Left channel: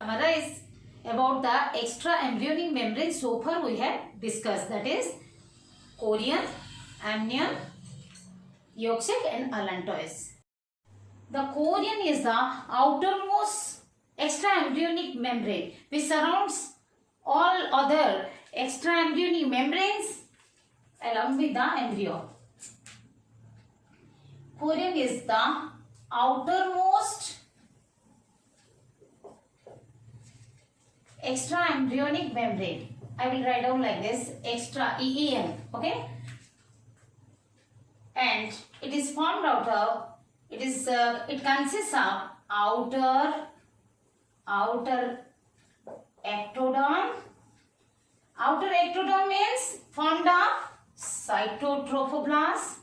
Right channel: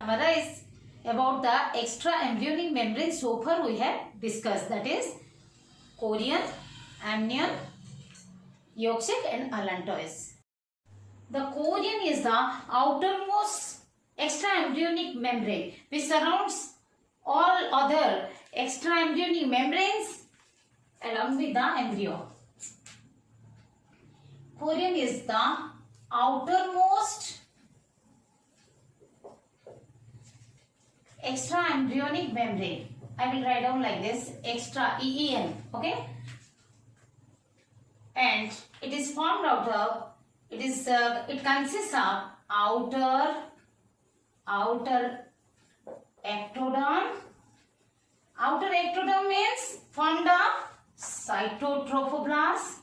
Summarize about the extraembryonic membrane so far we have discussed, that is chorion, amnion, yolk sac and allantois. The chorion is the outermost extraembryonic membrane which surrounds all other extraembryonic membranes along with the embryo. Chorion is the outermost extraembryonic membrane. I will write down like this, extra EEN, okay? And it is formed out of, it consists of outer ectoderm. Outer ectoderm means formed of cytotrophoblast,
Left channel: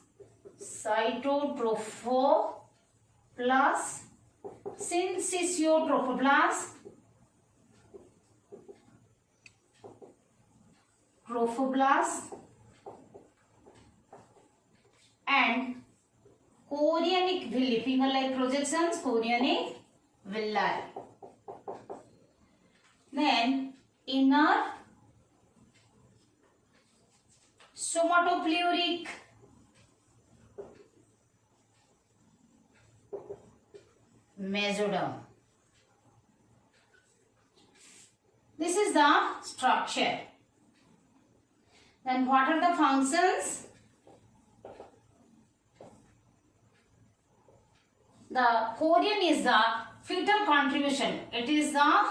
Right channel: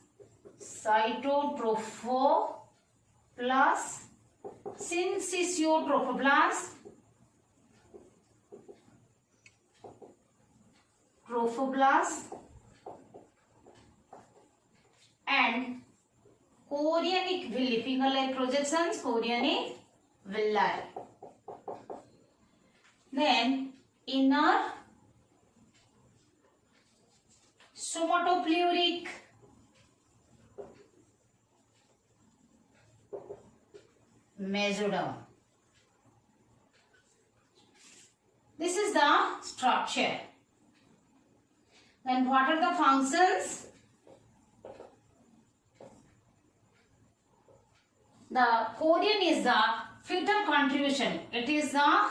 syncytiotrophoblasts, and chorionic villi, finger-like projections, chorionic villi. Then inner somatopleuric mesoderm. This is the structure. Then what are the functions? The chorion is the fetal contribution. It is the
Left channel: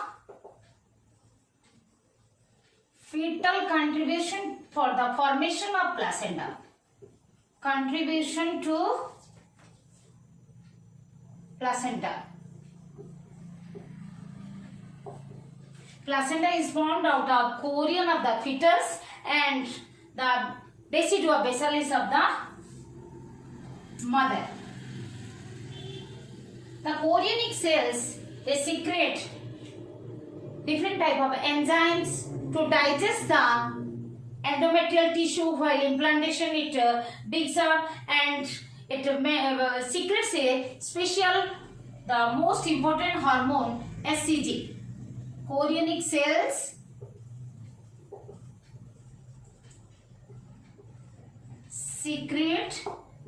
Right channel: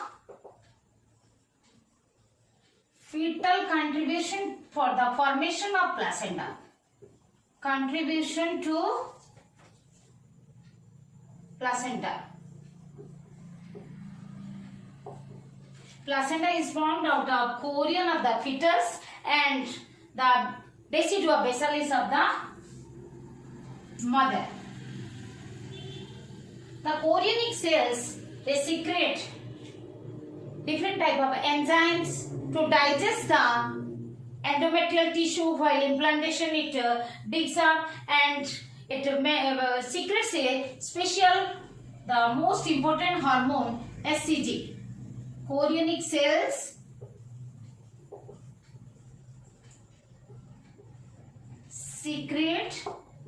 fetal contribution for the formation of placenta. Contribution to placenta. Placenta is formed out of chorion of the fetus and the decidua basalis of the mother. The chorionic cells, they secrete different type of enzymes to digest the endometrial tissue, while implantation it digs up and it secretes a special, the most important hormone, HCG. Chorionic cells secrete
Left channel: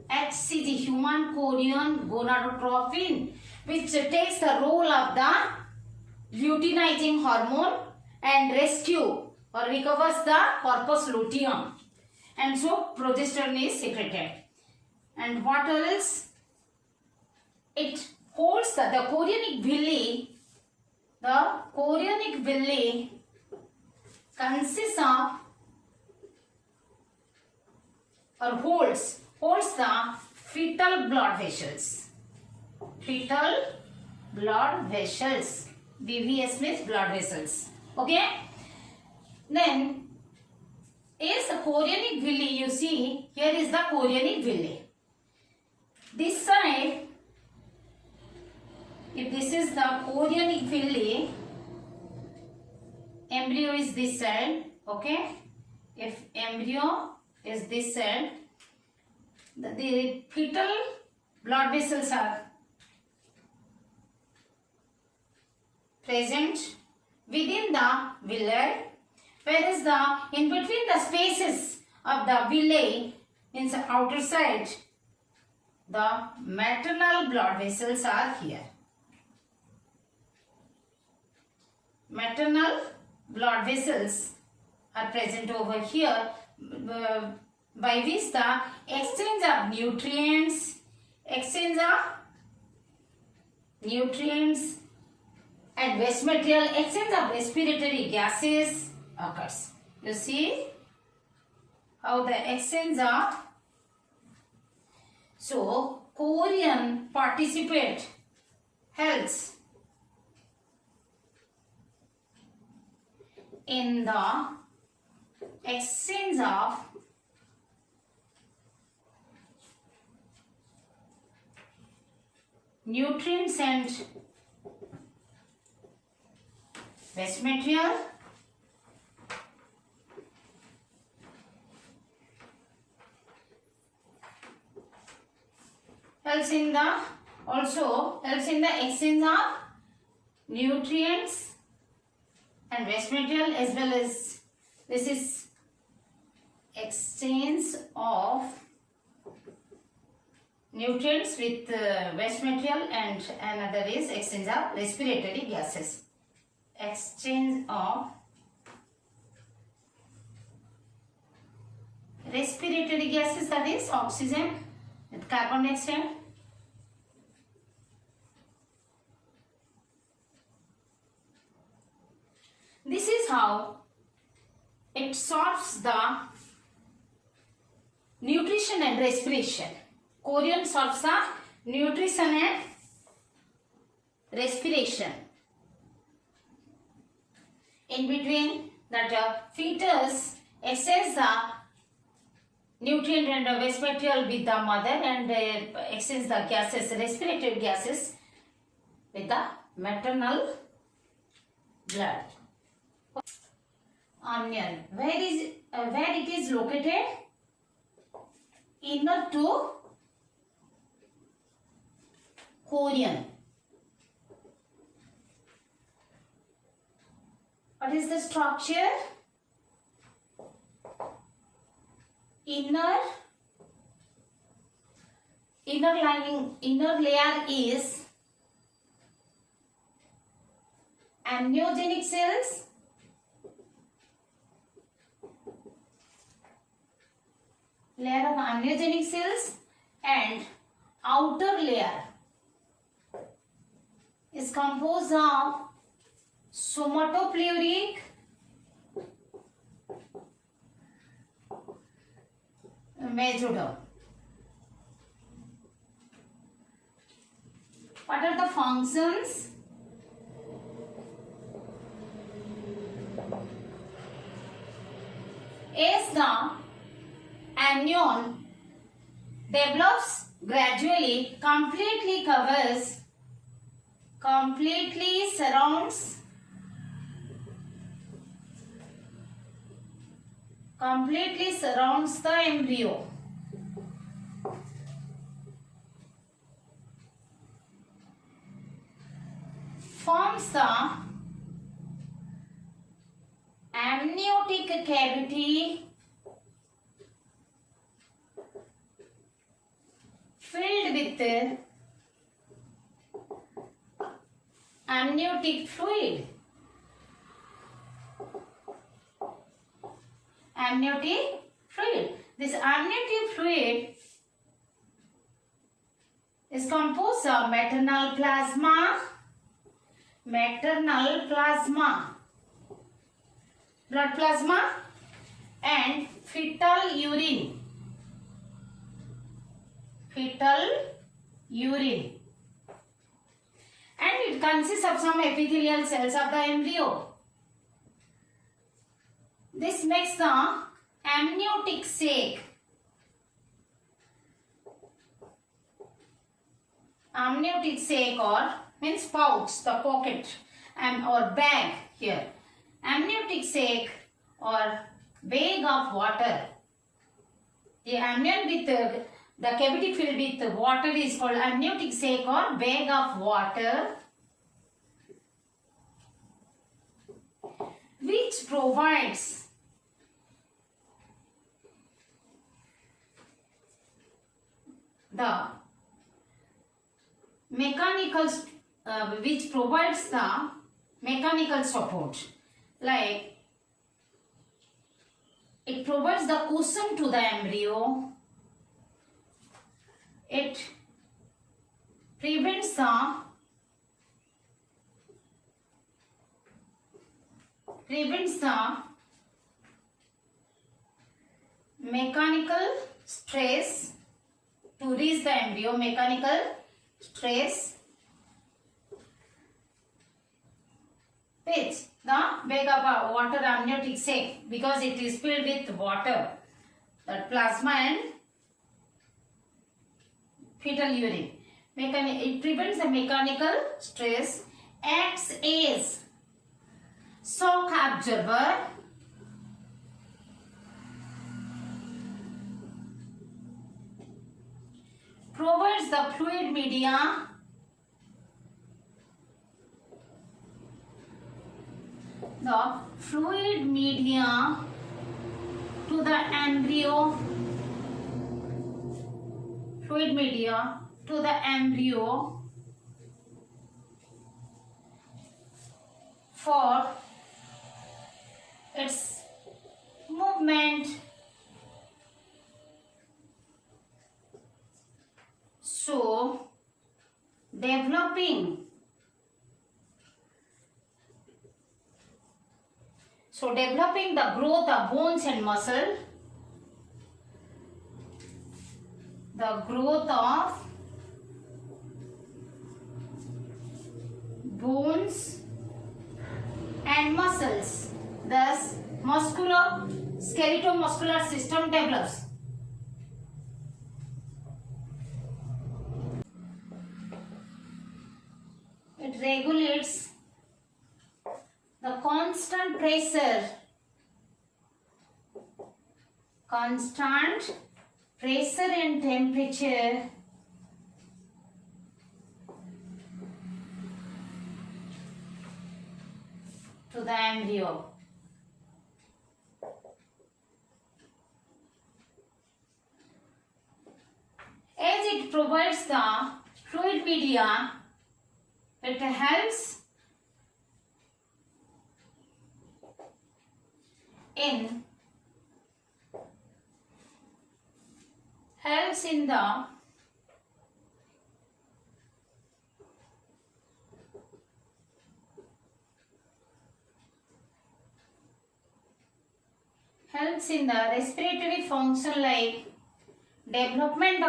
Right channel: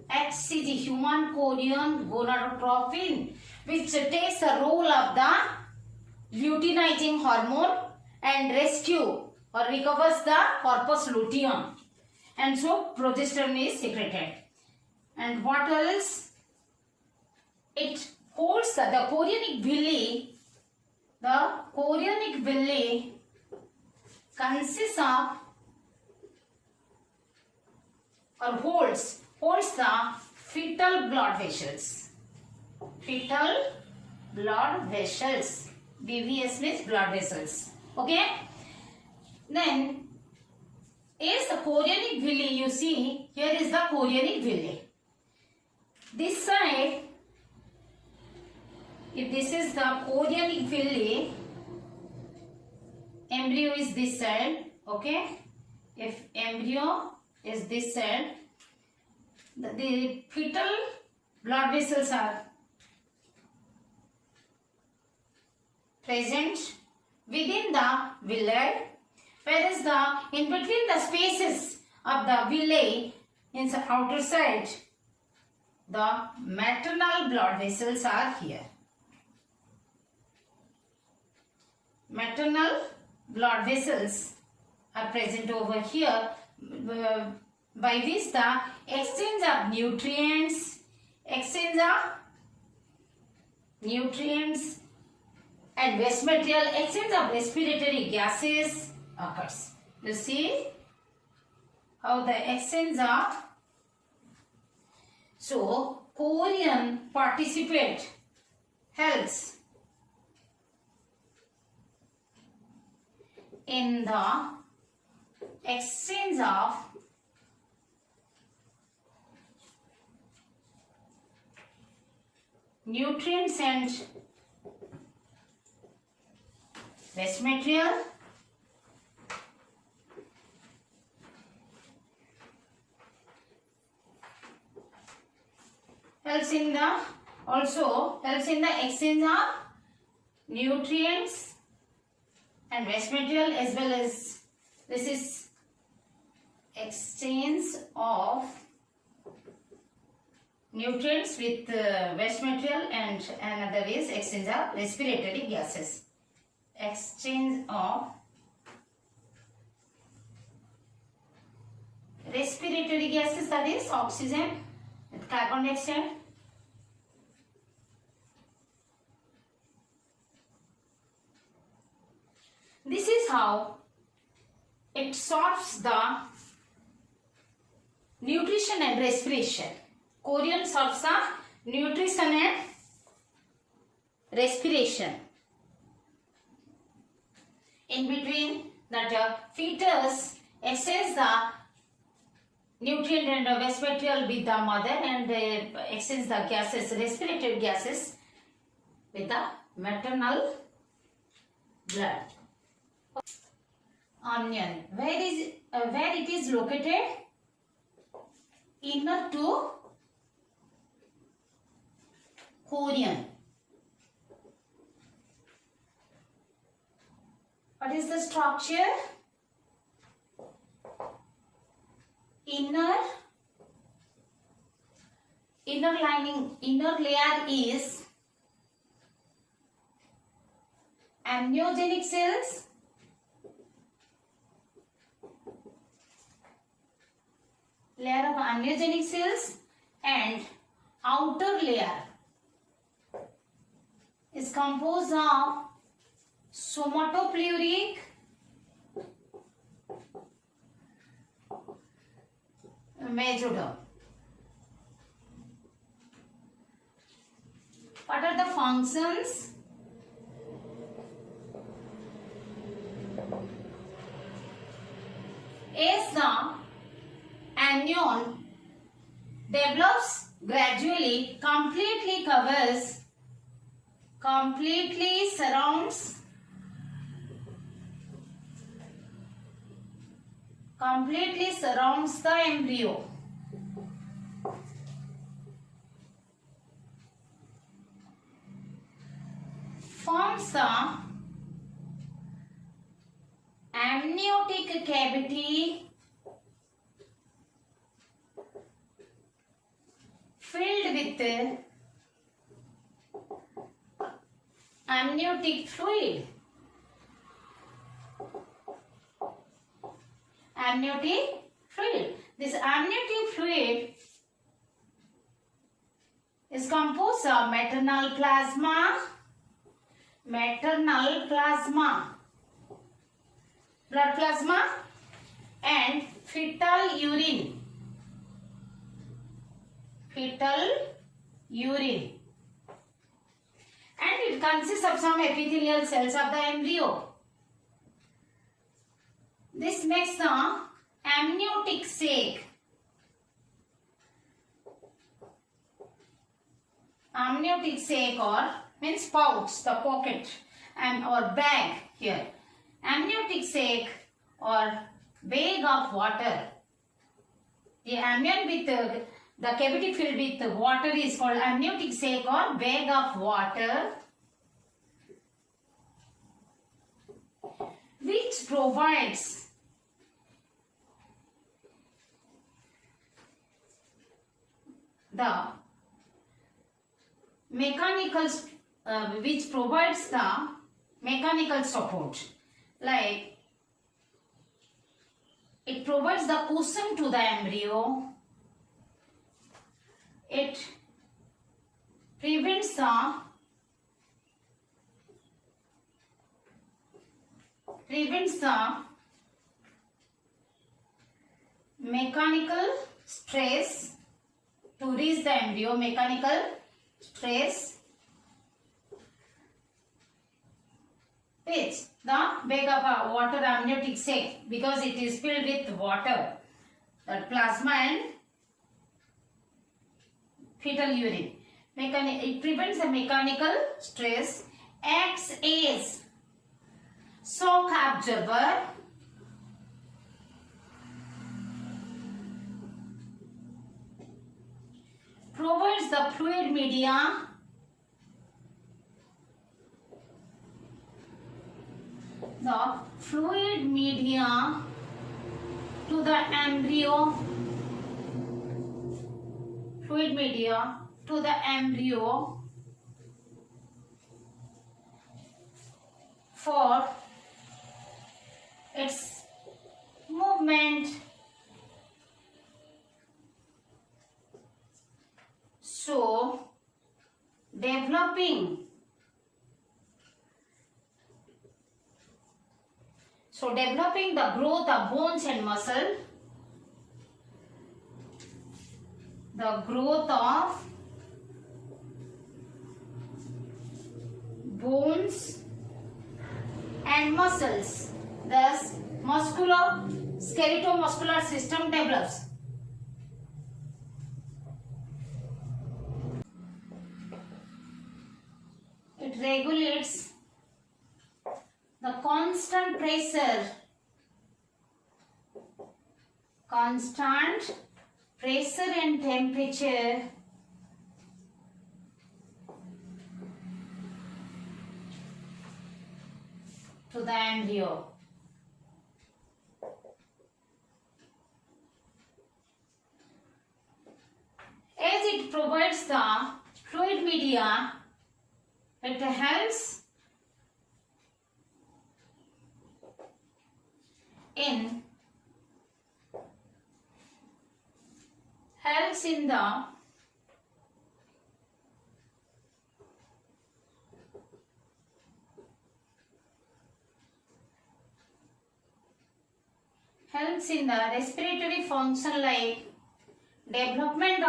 HCG, human chorion gonadotropin, which takes the role of the luteinizing hormone and rescue or recovers the corpus luteum, and so progesterone is secreted. And what else? It holds the chorionic villi. The chorionic villi consists of or holds the fetal blood vessels. Fetal blood vessels. BVS means blood vessels. Okay. Then is the chorionic villi. You see, here is the chorionic villi. This side, if this is the chorionic villi, embryo is this side. Okay. If embryo is this side, the fetal blood vessels are present within the villi, whereas in between the spaces of the villi in the outer side, the maternal blood vessels are here. Maternal blood vessels are present over here, by which the exchange of nutrients and waste material, exchange of respiratory gases occurs. You see how the exchange of, so chorion helps in the exchange of nutrients and waste material, helps in the exchange of nutrients and waste material, as well as this is exchange of nutrients with waste material, and another is exchange of respiratory gases. Exchange of respiratory gases, that is oxygen with carbon dioxide. This is how it sorts the nutrition and respiration. Chorion sorts the nutrition and respiration. In between that fetus exchanges the nutrient and waste material with the mother, and exchange the gases, respiratory gases, with the maternal blood. Amnion, where it is located? Inner to chorion. What is the structure? Inner layer is amniogenic cells, layer of amniogenic cells, and outer layer is composed of somatopleuric, mesoderm. What are the functions? As the amnion develops gradually, completely surrounds the embryo. Forms the amniotic cavity filled with amniotic fluid. Amniotic fluid. This amniotic fluid is composed of maternal plasma, blood plasma, and fetal urine. And it consists of some epithelial cells of the embryo. This makes the amniotic sac. Amniotic sac, or means pouch, the pocket and or bag here. Amniotic sac or bag of water. The amnion with the cavity filled with water is called amniotic sac or bag of water, which provides the mechanical support, like it provides the cushion to the embryo, it prevents the mechanical stress to reach the embryo, mechanical stress, which the bag of water amniotic sac, because it is filled with water, that plasma and fetal urine. It prevents the mechanical stress, acts as shock absorber, provides the fluid media the fluid media to the embryo, fluid media to the embryo for its movement. So, developing the growth of bones and muscle, the growth of bones and muscles, thus skeletal-muscular system develops. It regulates the constant pressure and temperature to the embryo. As it provides the fluid media, it helps in the respiratory function, like development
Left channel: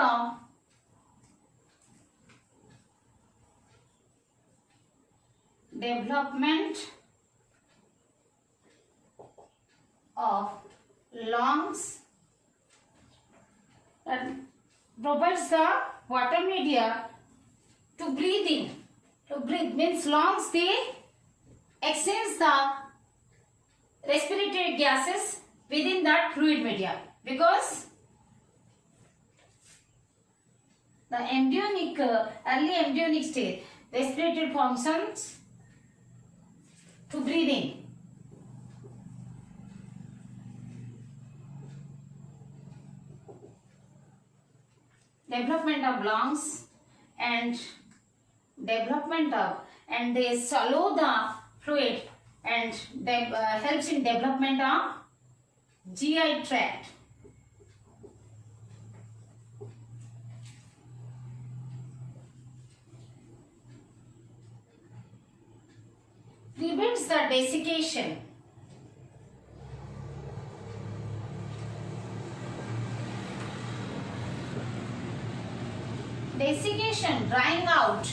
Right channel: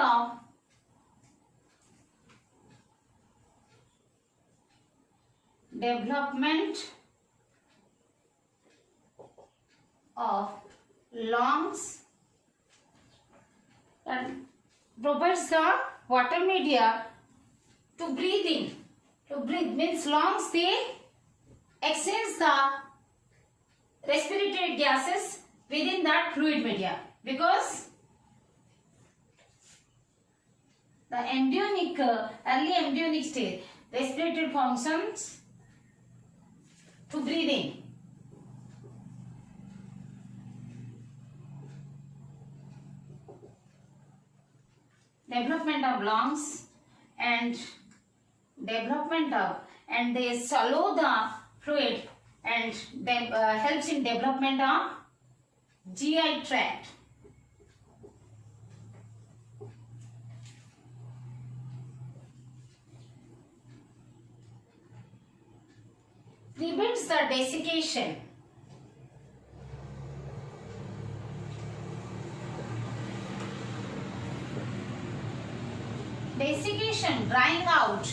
of lungs, and provides the water media to breathing. To breathe means lungs, they exchange the respiratory gases within that fluid media, because the early embryonic stage, respiratory functions to breathing. Development of lungs and they swallow the fluid and helps in development of GI tract. Prevents the desiccation. Desiccation, drying out,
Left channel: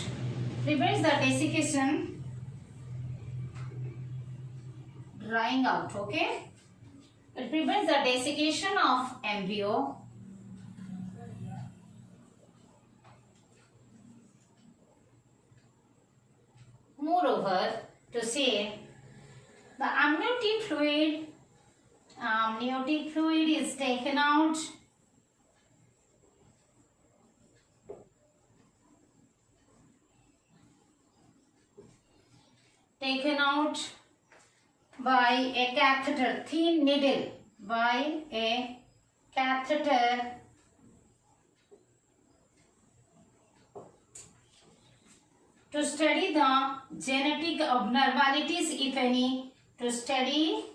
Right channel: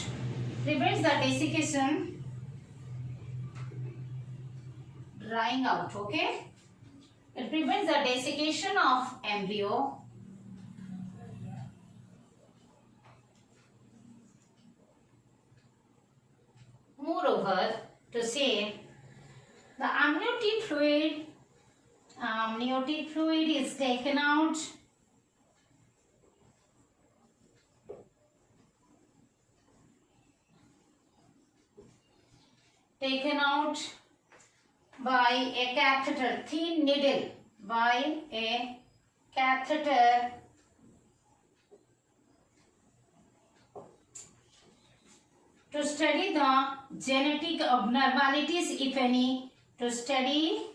prevents the desiccation, drying out, okay? It prevents the desiccation of embryo. Moreover, to say the amniotic fluid is taken out by a catheter, thin needle, by a catheter to study the genetic abnormalities, if any, to study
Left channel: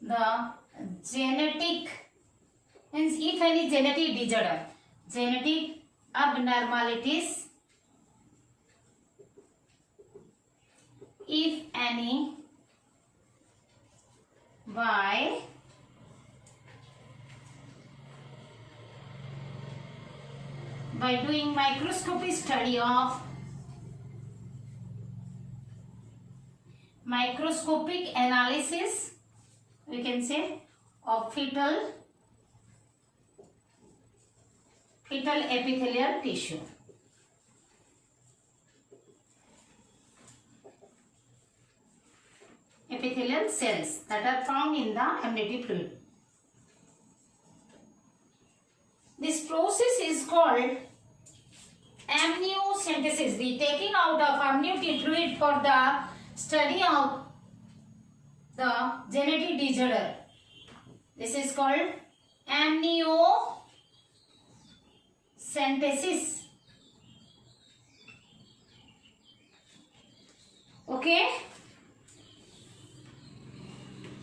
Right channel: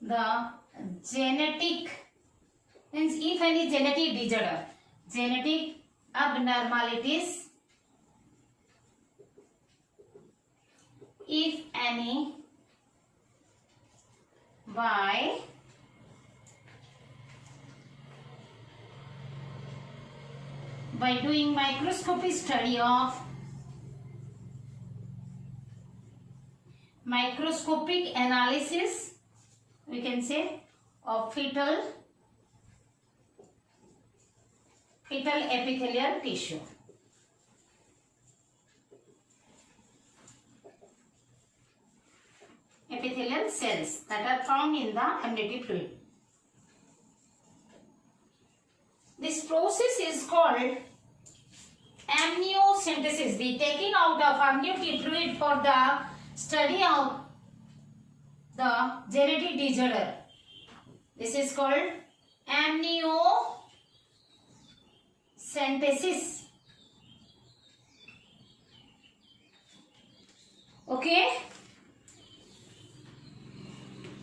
the genetic, means if any genetic disorder, genetic abnormalities, if any, by doing microscopic study of microscopic analysis, we can say, of fetal epithelial tissue. Epithelial cells that are found in the amniotic fluid. This process is called amniocentesis, the taking out of amniotic fluid for the study of the genetic disorder. This is called amniocentesis. Okay,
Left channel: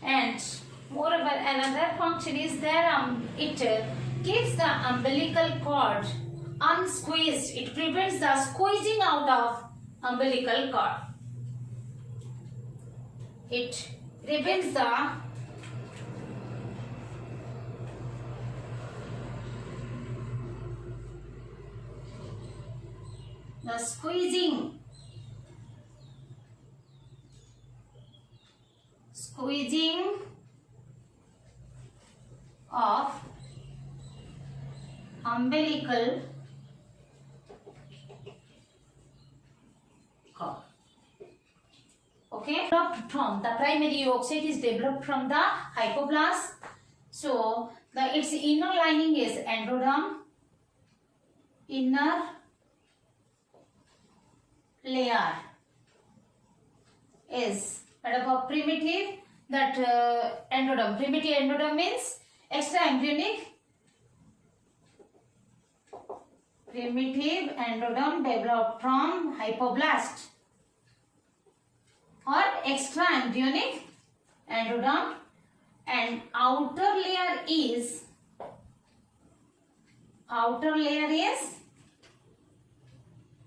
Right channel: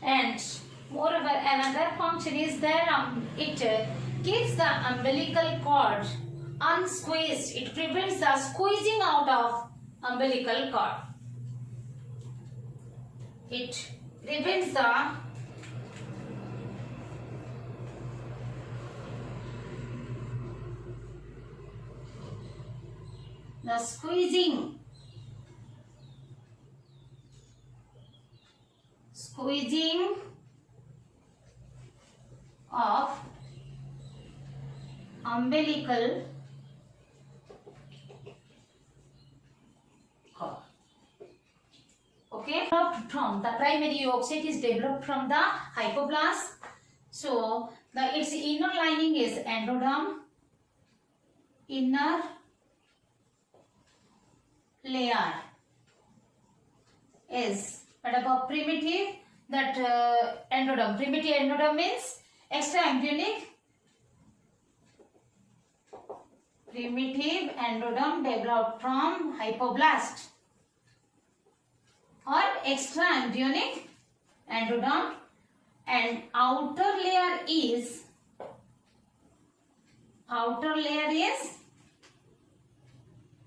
and moreover another function is there, it keeps the umbilical cord unsqueezed. It prevents the squeezing out of umbilical cord. It prevents the squeezing of umbilical cord. Okay, developed from the primary yolk sac is developed from the hypoblast. So its inner lining is endoderm, inner layer is made up of primitive endoderm. Primitive endoderm means extraembryonic. Primitive endoderm developed from hypoblast or extraembryonic endoderm, and outer layer is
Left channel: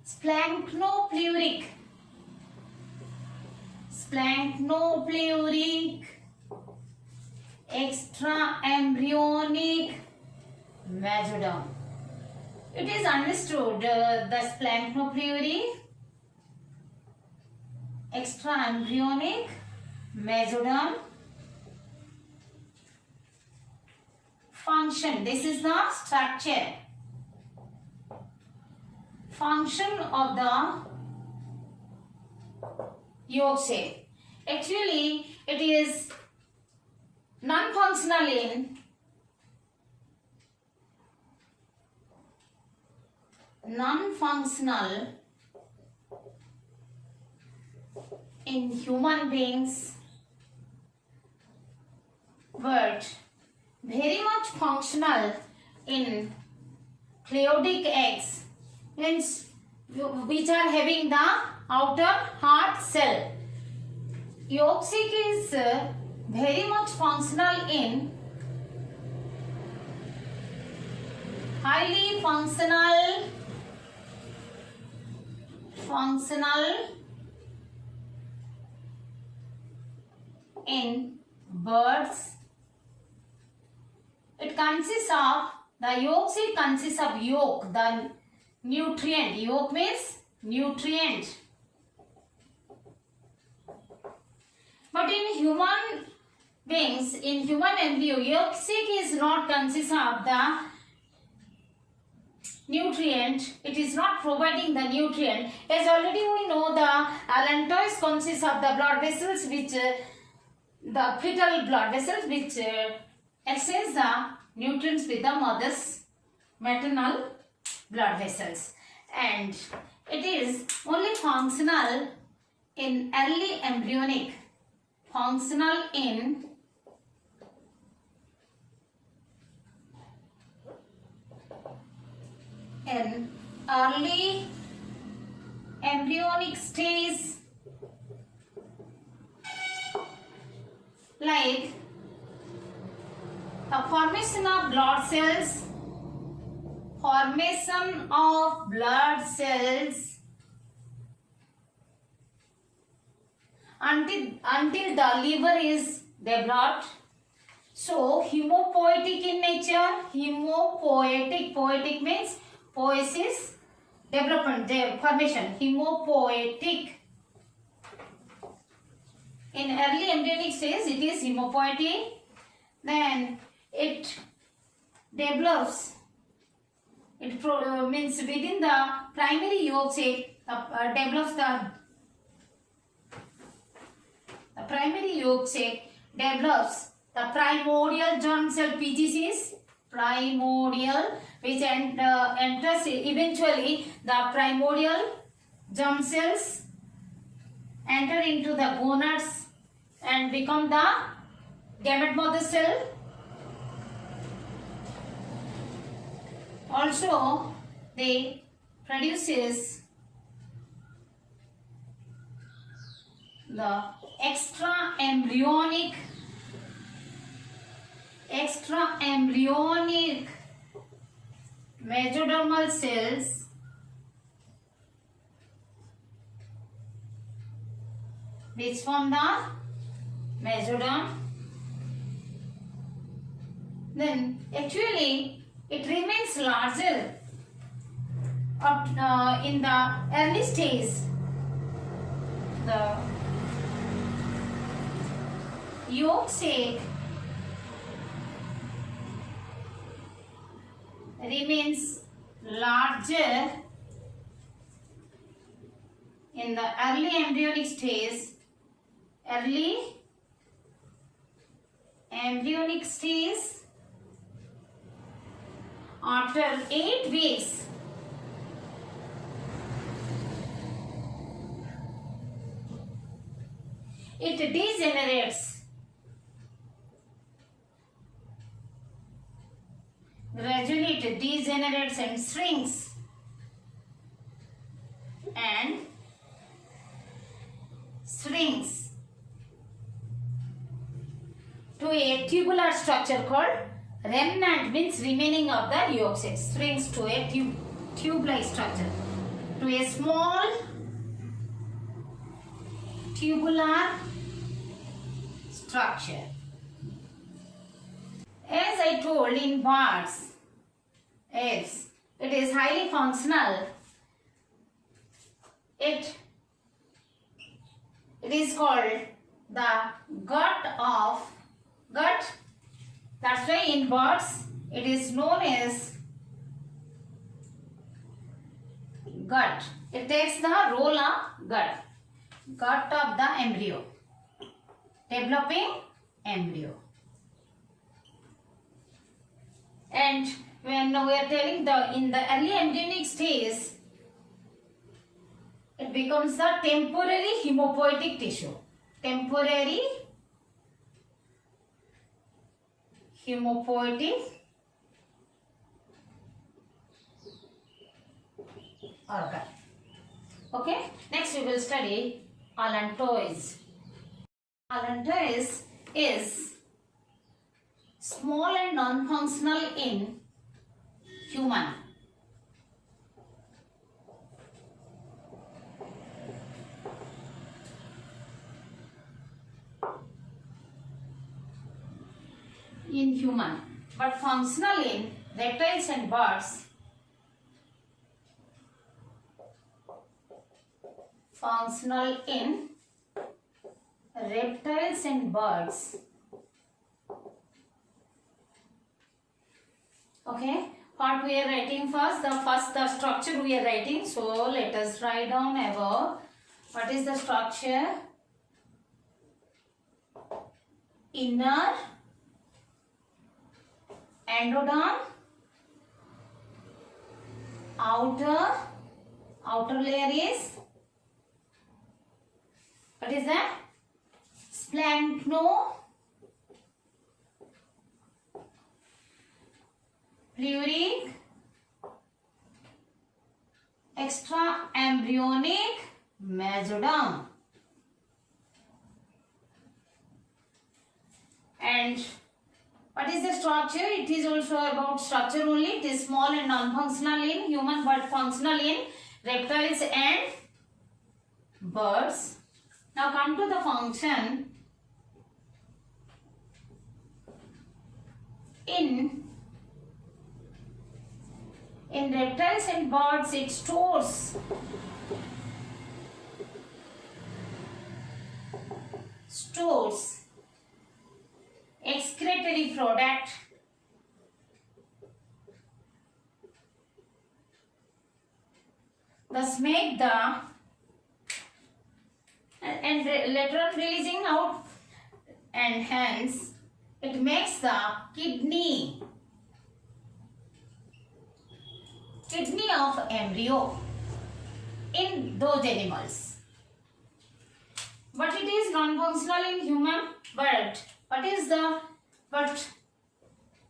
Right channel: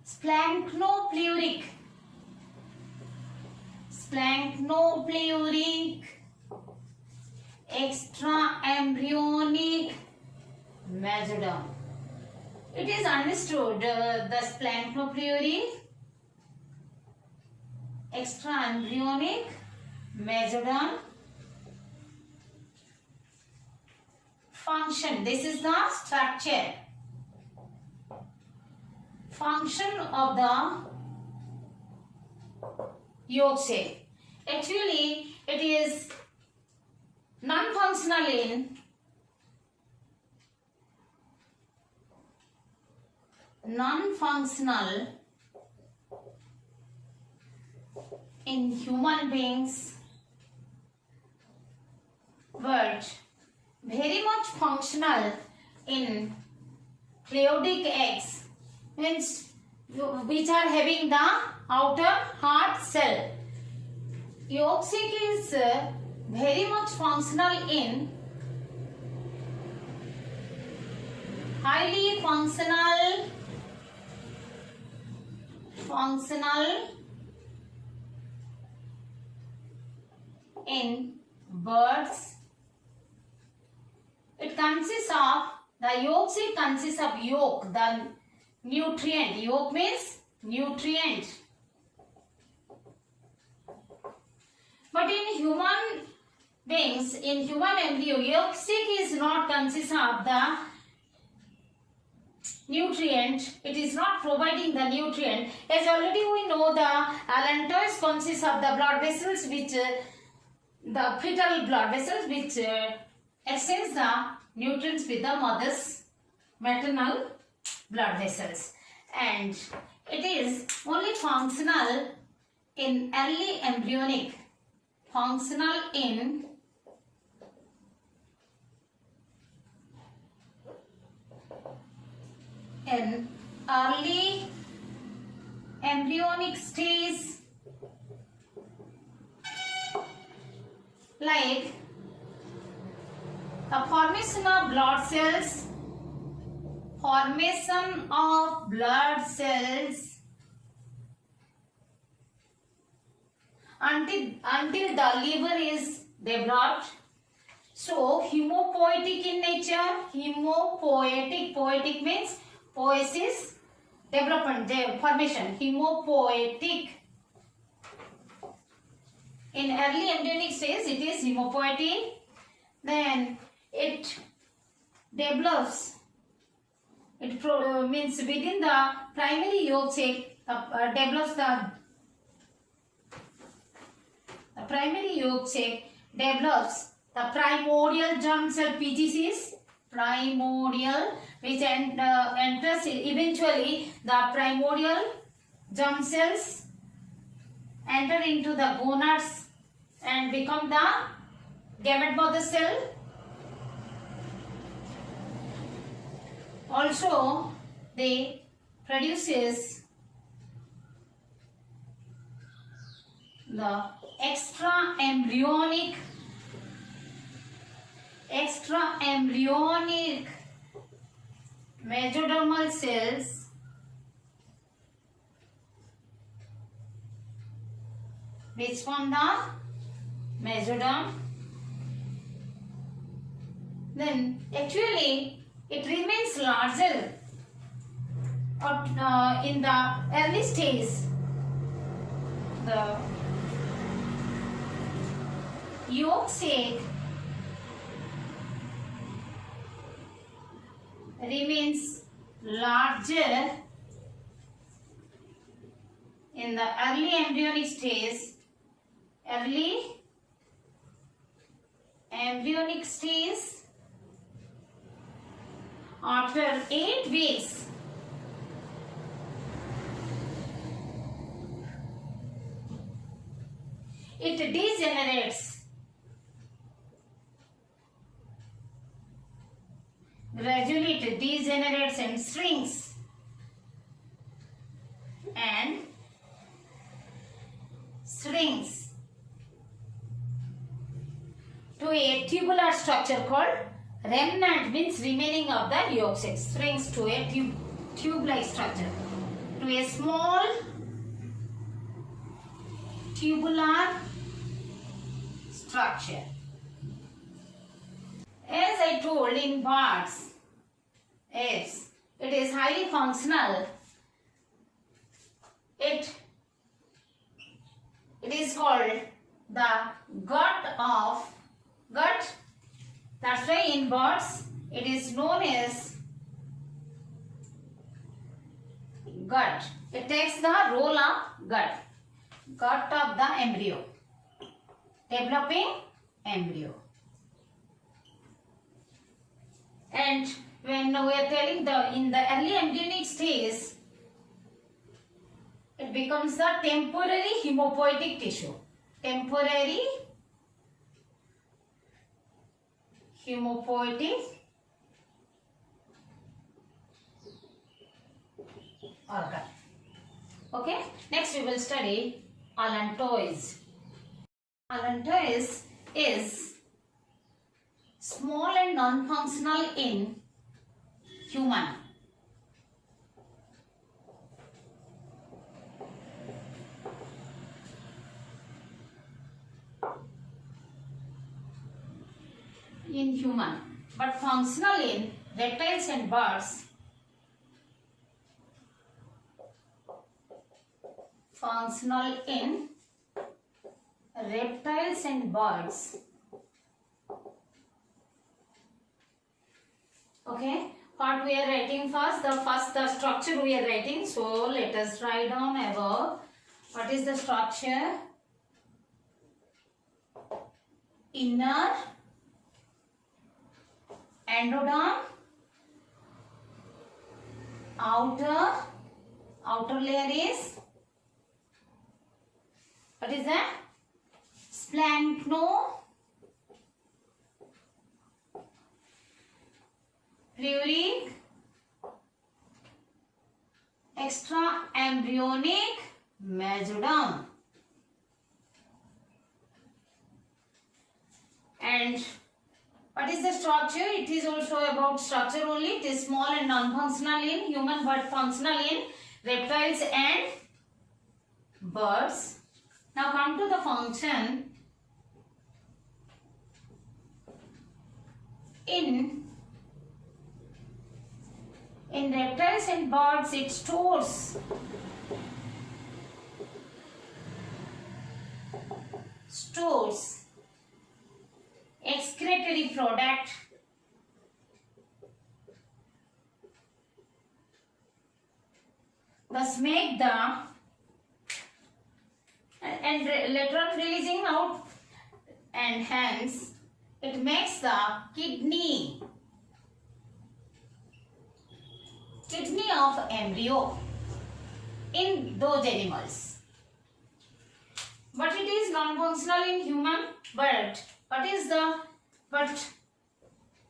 splanchnopleuric extraembryonic mesoderm. It is understood the splanchnopleuric extraembryonic mesoderm function. This is the structure. Function of the yolk sac. Actually, it is non-functional in human beings, but very much functional in pleiadic eggs, means which are having the outer hard shell. Yolk sac is very much functional in highly functional in birds. It consists of, the yolk sac consists of yolk, the nutrient. Yolk means nutrient. But in human beings, in human embryo, yolk sac is not consist of the nutrient. It is not providing the nutrient. As already we know, the Allantois consists of the blood vessels which the fetal blood vessels which exchange the nutrients with the mother's maternal blood vessels, and it is only functional in early embryonic. Functional in early embryonic stage, like the formation of blood cells, until the liver is developed. So hemopoietic in nature. Poietic means poiesis, development, formation. Hemopoietic. In early embryonic stage, it is hemopoietic. Then it develops. It means within the primary yolk sac develops the primary yolk sac develops the primordial germ cell PGCs, which enters eventually the primordial germ cells, enter into the gonads and become the gamete mother cell. Also, they produces the extraembryonic mesodermal cells which form the mesoderm. Then actually it remains larger in the early stage. The yolk sac remains larger in the early embryonic stage. After 8 weeks, it degenerates. Gradually it degenerates and shrinks to a tubular structure called remnant, means remaining of the yolk sac, shrinks to a tube-like structure, to a small tubular structure. As I told in birds, as it is highly functional, it is called the gut. That's why in birds it is known as gut. It takes the role of gut of the embryo, developing embryo. And when we are telling in the early embryonic stage, it becomes the temporary hematopoietic tissue. Temporary hematopoietic organ. Okay, next we will study Allantois. Allantois is small and non-functional in human. But functional in reptiles and birds. Functional in reptiles and birds. Okay, what we are writing first? The structure we are writing. So let us write down above. What is the structure? Inner endoderm, outer layer is, what is that? Splanchno pluric extraembryonic mesoderm. And what is the structure? It is also about structure only. It is small and non-functional in human but functional in reptiles and birds. Now come to the function. In reptiles and birds, it stores excretory product thus make the and later on releasing out, and hence it makes the kidney of embryo in those animals. non-functional in human, but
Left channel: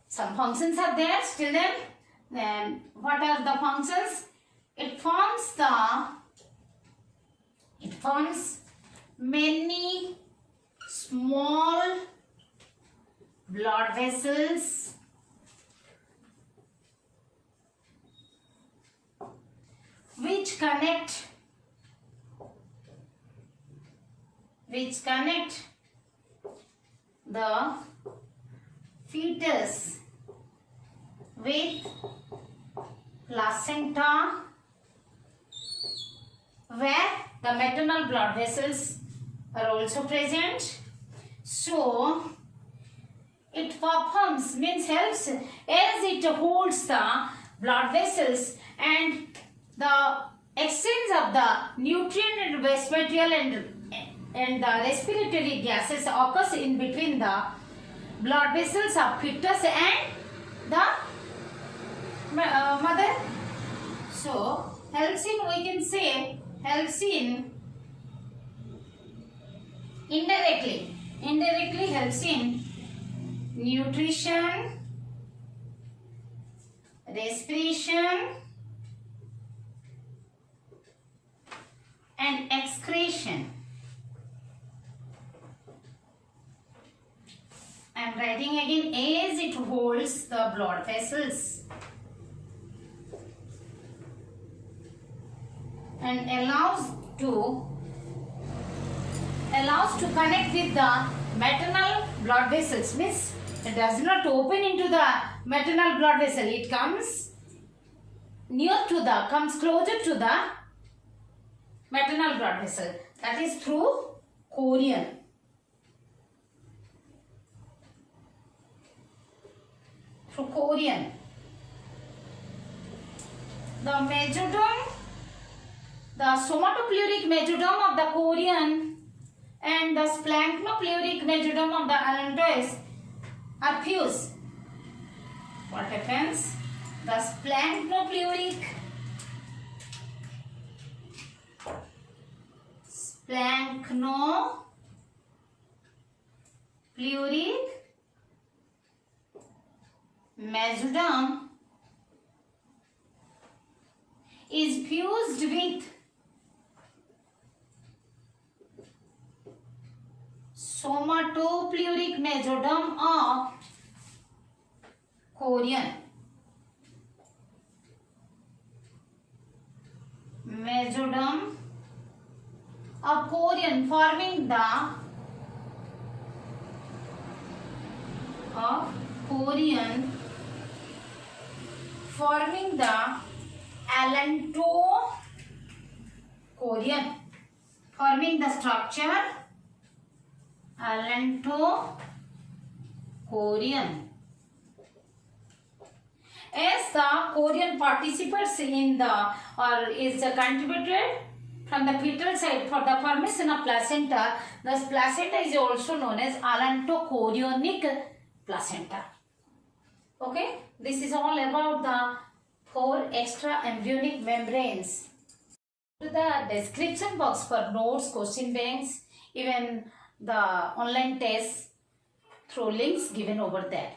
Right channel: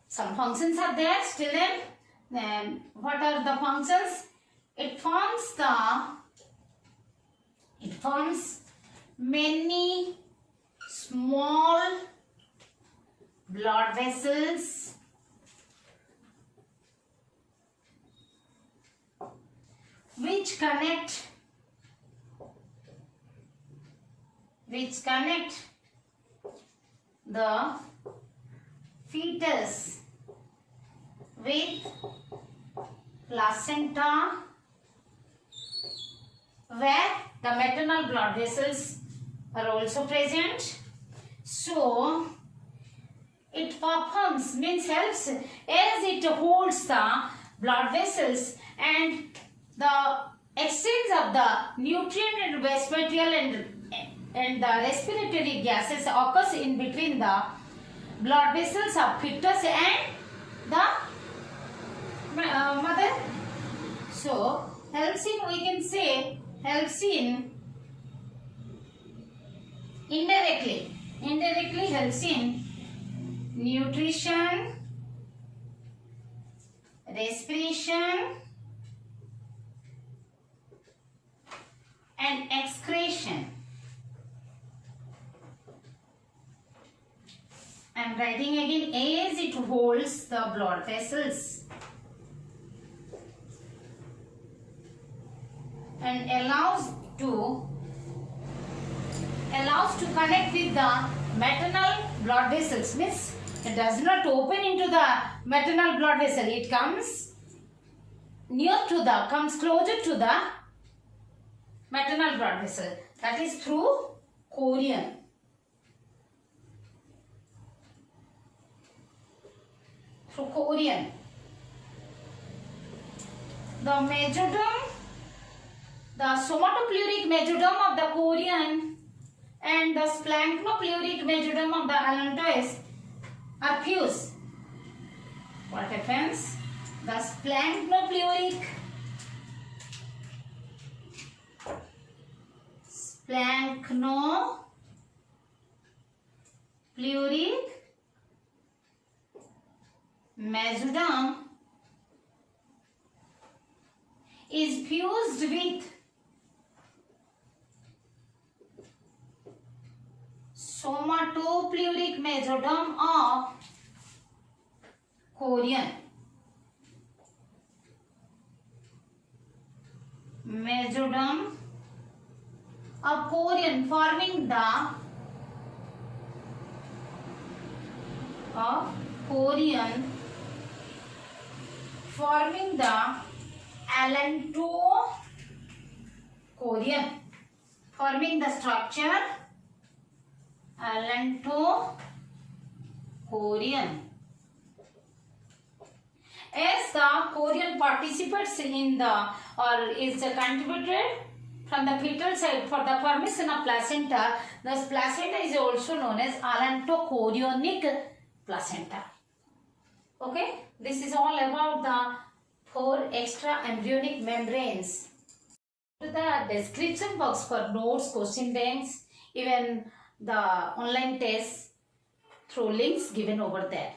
some functions are there still. Then what are the functions? It forms many small blood vessels which connect the fetus with placenta, where the maternal blood vessels are also present. So it performs, helps, as it holds the blood vessels, and the exchange of the nutrient and waste material and the respiratory gases occurs in between the blood vessels of fetus and the mother. So helps in, we can say, helps in indirectly helps in nutrition, respiration and excretion. I am writing again, as it holds the blood vessels and allows to connect with the maternal blood vessels. Means it does not open into the maternal blood vessel. It comes closer to the maternal blood vessel. That is through chorion. The mesoderm, the somatopleuric mesoderm of the chorion and the splanchnopleural mesoderm of the Allantois are fused. What happens? The splanchnopleural mesoderm is fused with somatopleuric mesoderm of chorion. Mesoderm of chorion forming the Allantois chorion, forming the structure Allantois chorion. As the chorion participates in is contributed from the fetal side for the formation of placenta, thus placenta is also known as allantochorionic placenta. Okay, this is all about the 4 extra embryonic membranes. To the description box for notes, question banks, even the online tests through links given over there.